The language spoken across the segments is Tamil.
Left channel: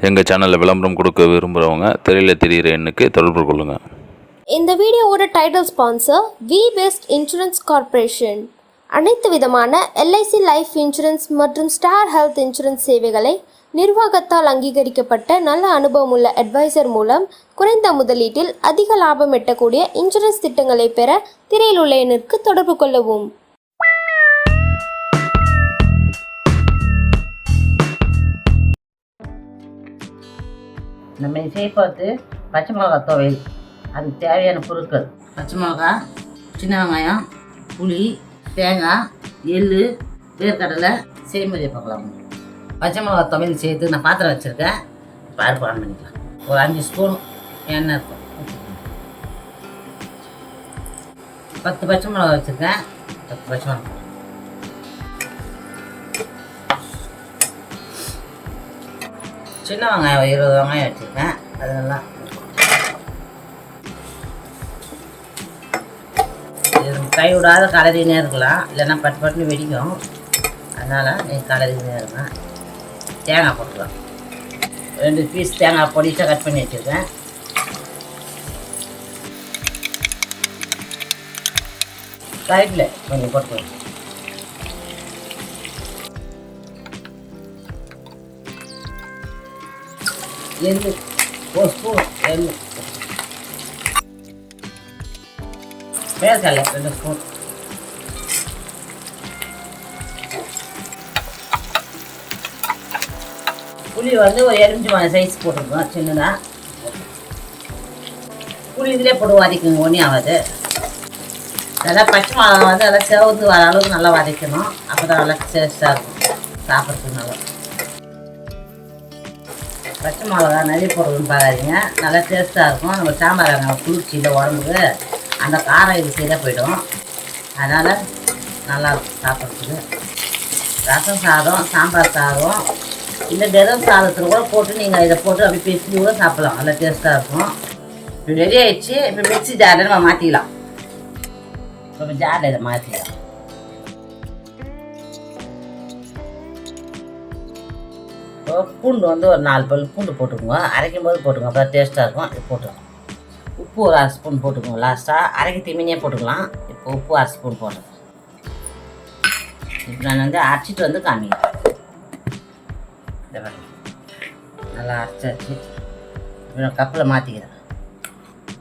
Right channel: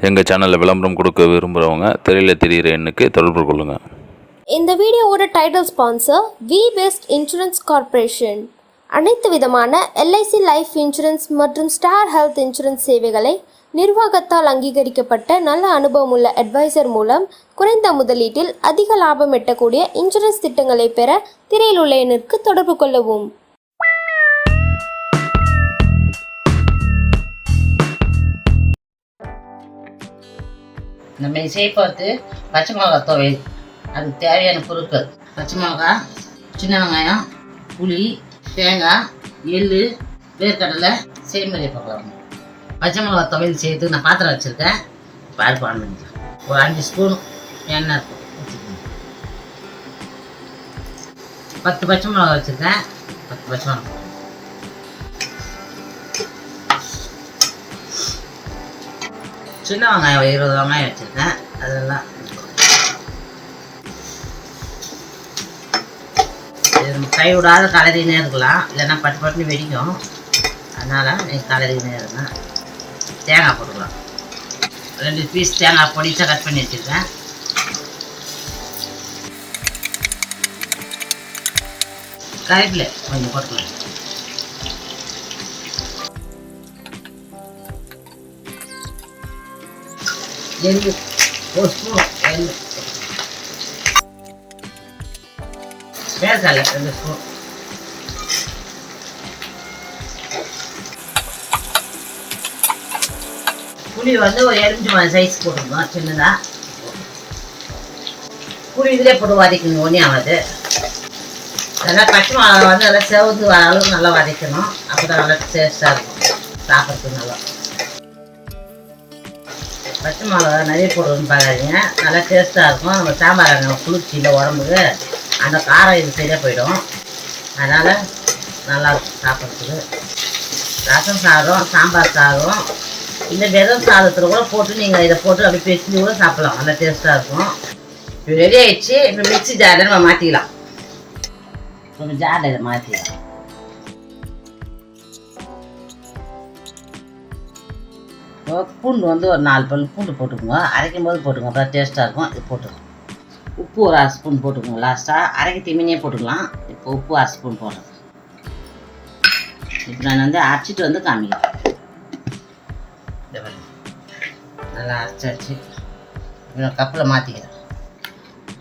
எங்கள் சேனலில் விளம்பரம் கொடுக்க விரும்புகிறவங்க திரையில் தெரிகிற எண்ணுக்கு தொடர்பு கொள்ளுங்கள். இந்த வீடியோவோட title sponsor V Best Insurance Corporation. அனைத்து விதமான எல்ஐசி லைஃப் இன்சூரன்ஸ் மற்றும் ஸ்டார் ஹெல்த் இன்சூரன்ஸ் சேவைகளை நிர்வாகத்தால் அங்கீகரிக்கப்பட்ட நல்ல அனுபவமுள்ள அட்வைசர் மூலம் குறைந்த முதலீட்டில் அதிக லாபம் எட்டக்கூடிய இன்சூரன்ஸ் திட்டங்களை பெற திரையில் உள்ள எண்ணிற்கு தொடர்பு கொள்ளவும். நம்ம செய்ய பார்த்து பச்சை மிளகா துவையல். அதுக்கு தேவையான பொருட்கள்: பச்சை மிளகா, சின்ன வெங்காயம், புளி, தேங்காய், எள், வேர்க்கடலை. செய்முறையை பார்க்கலாம். பச்சை மிளகா துவையல் செய்து நான் பாத்திரம் வச்சுருக்கேன். இப்போ அடுப்பு ஆன் பண்ணிக்கலாம். ஒரு 5 ஸ்பூன் எண்ணெய் இருக்கும். 10 பச்சை மிளகா வச்சுருக்கேன். 10 பச்சை மிளகா. சின்ன வெங்காயம் 20 வெங்காயம் வச்சுருக்கேன். அதெல்லாம் கை விடாத கலரினே இருக்கலாம், இல்லைன்னா பட்டு பட்டுன்னு வெடிக்கும். அதனால் நீங்கள் கலரினே இருங்க. தேங்காய் போட்டுக்கலாம். 2 பீஸ் தேங்காய் பொடிசாக கட் பண்ணி வச்சுருக்கேன். கறிவேப்பிலை கொஞ்சம் போட்டுக்கலாம். எள்ளு 1 ஸ்பூன், எள்ளு. வேர்க்கடலை 2 ஸ்பூன். புளி வந்து ஒரு எலுமிச்சை சைஸ் போட்டுருக்கோம், சின்னதாக. புளி இதிலே போட்டு வதக்கணும், ஒன்றும் ஆகாது. நல்லா பச்சை மிளகா வந்து நல்லா செவந்து வர அளவுக்கு நல்லா வதக்கணும். அப்போ தான் நல்லா டேஸ்ட்டாக இருக்கும், சாப்பிட்றதுக்கு நல்லா. பச்சை மிளகா நிறைய போடுறதுன்னு பார்க்காதீங்க, நல்லா டேஸ்ட்டாக இருக்கும். நம்ம சாம்பார் குளிர்ச்சி இல்லை உடம்புக்கு, அந்த காரம் இது சரியாக போயிடும். அதனால் நல்லாயிருக்கும் சாப்பிட்றதுக்கு. ரசம் சாதம், சாம்பார் சாதம், இந்த வெறும் சாதத்தில் கூட போட்டு நீங்கள் இதை போட்டு அப்படி பெருக்கி கூட சாப்பிட்லாம். நல்லா டேஸ்ட்டாக இருக்கும். இப்போ ரெடி ஆகிடுச்சு. இப்போ மிக்ஸி ஜாரில் நம்ம மாற்றிக்கலாம். இப்போ ஜாரில் இதை மாற்றிக்கலாம். பூண்டு வந்து ஒரு 4 பல் பூண்டு போட்டுக்கோங்க. அரைக்கும் போது போட்டுக்கோங்க, அப்போ டேஸ்ட்டாக இருக்கும். இது போட்டுக்கோங்க. உப்பு ஒரு 1/2 ஸ்பூன் போட்டுக்கோங்க. லாஸ்ட்டாக அரைக்க திமினியே போட்டுக்கலாம். இப்போ உப்பு 1/2 ஸ்பூன் போடுறேன். இப்போ நான் வந்து அரைச்சிட்டு வந்து காமிக்கிறேன். இந்த மாதிரி நல்லா அரைச்சாச்சு. இப்போ நான் கப்பில் மாற்றிக்கிறேன்.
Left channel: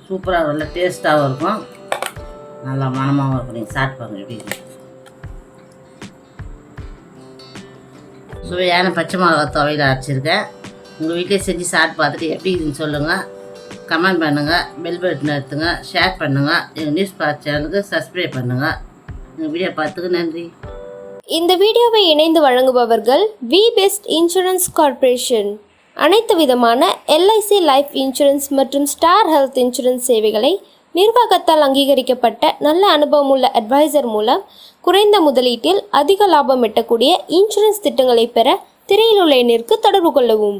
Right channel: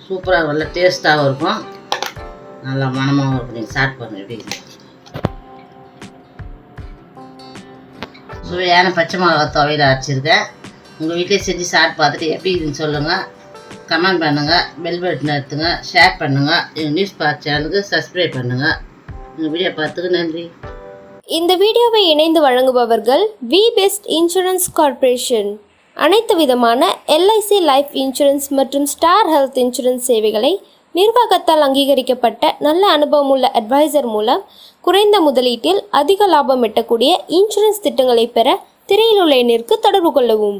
சூப்பராக நல்லா டேஸ்ட்டாகவும் இருக்கும், நல்லா மணமாகவும் இருக்கும். நீங்கள் சாப்பிட்டு பாருங்கள் எப்படி. சுவையான பச்சை மிளகா துவையல் அரைச்சிருக்கேன். உங்கள் வீட்டிலே செஞ்சு சாப்பிட்டு பார்த்துட்டு எப்படி இதுன்னு சொல்லுங்கள். கமெண்ட் பண்ணுங்கள், பெல் பட்டன் எடுத்துங்க, ஷேர் பண்ணுங்கள். எங்கள் நியூஸ் பார்ட் சேனலுக்கு சப்ஸ்கிரைப் பண்ணுங்கள். எங்கள் வீடியோ பார்த்துக்கு நன்றி. இந்த வீடியோவை இணைந்து வழங்குபவர்கள் வி பெஸ்ட் இன்சூரன்ஸ் கார்ப்பரேஷன். அனைத்து விதமான எல்ஐசி லைஃப் இன்சூரன்ஸ் மற்றும் ஸ்டார் ஹெல்த் இன்சூரன்ஸ் சேவைகளை நிர்வாகத்தால் அங்கீகரிக்கப்பட்ட நல்ல அனுபவமுள்ள அட்வைசர் மூலம் குறைந்த முதலீட்டில் அதிக லாபம் எட்டக்கூடிய இன்சூரன்ஸ் திட்டங்களை பெற திரையில் உள்ள எண்ணிற்கு தொடர்பு கொள்ளவும்.